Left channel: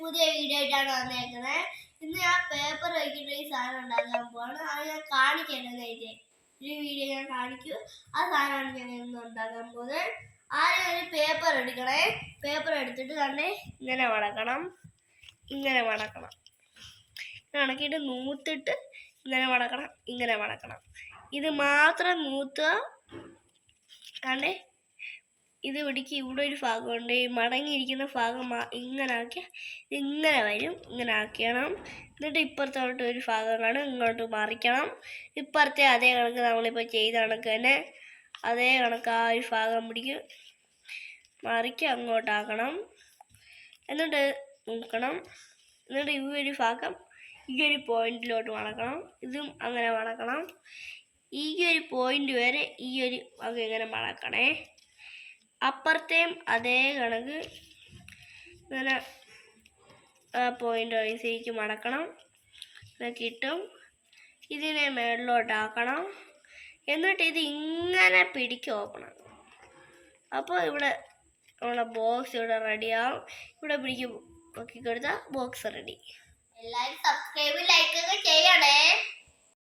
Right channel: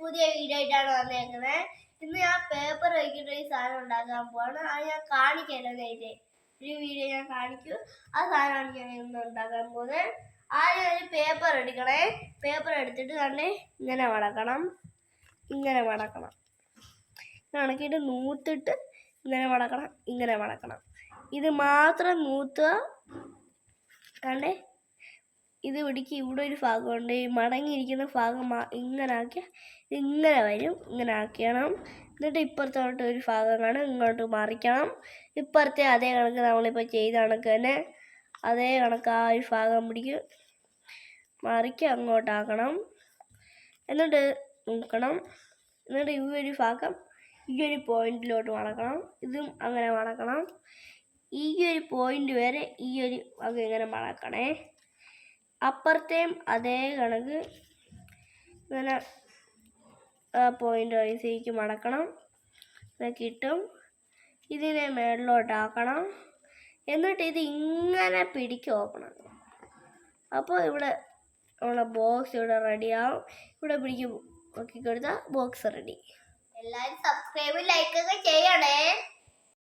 പുതിയ വീഡിയോ ആയിട്ടാണ് വന്നേക്കുന്നത്. ഇന്ന് ഞാൻ പേപ്പർ വയ്ക്കുന്ന ഈ സാധനം ഉണ്ടാക്കാൻ പോവാണ്. അത് ഞാൻ കാണിക്കാനായിട്ട് ഒരു വീഡിയോ ഞാൻ കാണിക്കും. ആ സാധനമാണ് ഞാൻ ഇന്ന് ഉണ്ടാക്കാൻ പോകുന്നത്. ആദ്യം ഒരു പേപ്പർ എടുക്കണേ. പേപ്പർ എടുത്തിട്ട് തന്നെ ഇങ്ങനെ മടക്കണം. ഇങ്ങനെ മടക്കിയിട്ട് നൂത്തിട്ട് ഇങ്ങനെ മടക്കണം. ഇത് മാത്രം നൂത്തുക. കണ്ടേ, ഇത് പിടിക്ക്. ഇവിടെ ഒരു ഭാഗമുണ്ട്, ഈ മടങ്ങിയിരിക്കുന്ന ഭാഗം ഇങ്ങനെ ആക്കിയാൽ ഇങ്ങനെ വരും. ഇങ്ങനെ ആക്കണം. എന്നിട്ട് ഇപ്പുറത്തോട്ട് ഒരു ഭാഗം കാണും, ഇങ്ങോട്ട് മറിക്കണം. ഇപ്പുറത്തെ അതേ കണക്ക് നമ്മളിപ്പോൾ ചെയ്ത കണക്ക് തന്നെ അതേ കണക്ക് ആ ഒരു ഭാഗം പിടിക്കും, മറിക്കുക, അങ്ങോട്ടാക്കണം. എന്നിട്ട് നോക്കണം. എന്നിട്ട് ഈ ഒരു ഭാഗം ഈ ഒരു പോയിന്റിലോട്ട് മടക്കണം. ഇതും അങ്ങനെ മടക്കണം. ഈ ഒരു പോയിന്റ് വരെ ഈ ഒരു ഭാഗം ഇങ്ങനെ മടക്കണേ. അപ്പുറത്തെയും അതേ കണക്ക് ഇങ്ങനെ പോയിന്റ് അനുസരിച്ച് മടക്കണം. കിട്ടും. ഇതിനെ മേളിലോട്ടാക്കണം. എന്നിട്ട് ഇത് ഇങ്ങനെ പിടിക്കുക, ഓപ്പൺ. അപ്പോൾ ഇവിടെ നമ്മളെ ബോക്സ് ഇവിടെ റെഡിയാവും. ഇവിടെ പിടിക്കും, നോക്കി കൊടുത്താൽ ബോക്സ് റെഡി. എല്ലാവരും സബ്സ്ക്രൈബ് ലൈക്ക് ഒക്കെ ചെയ്യണേ.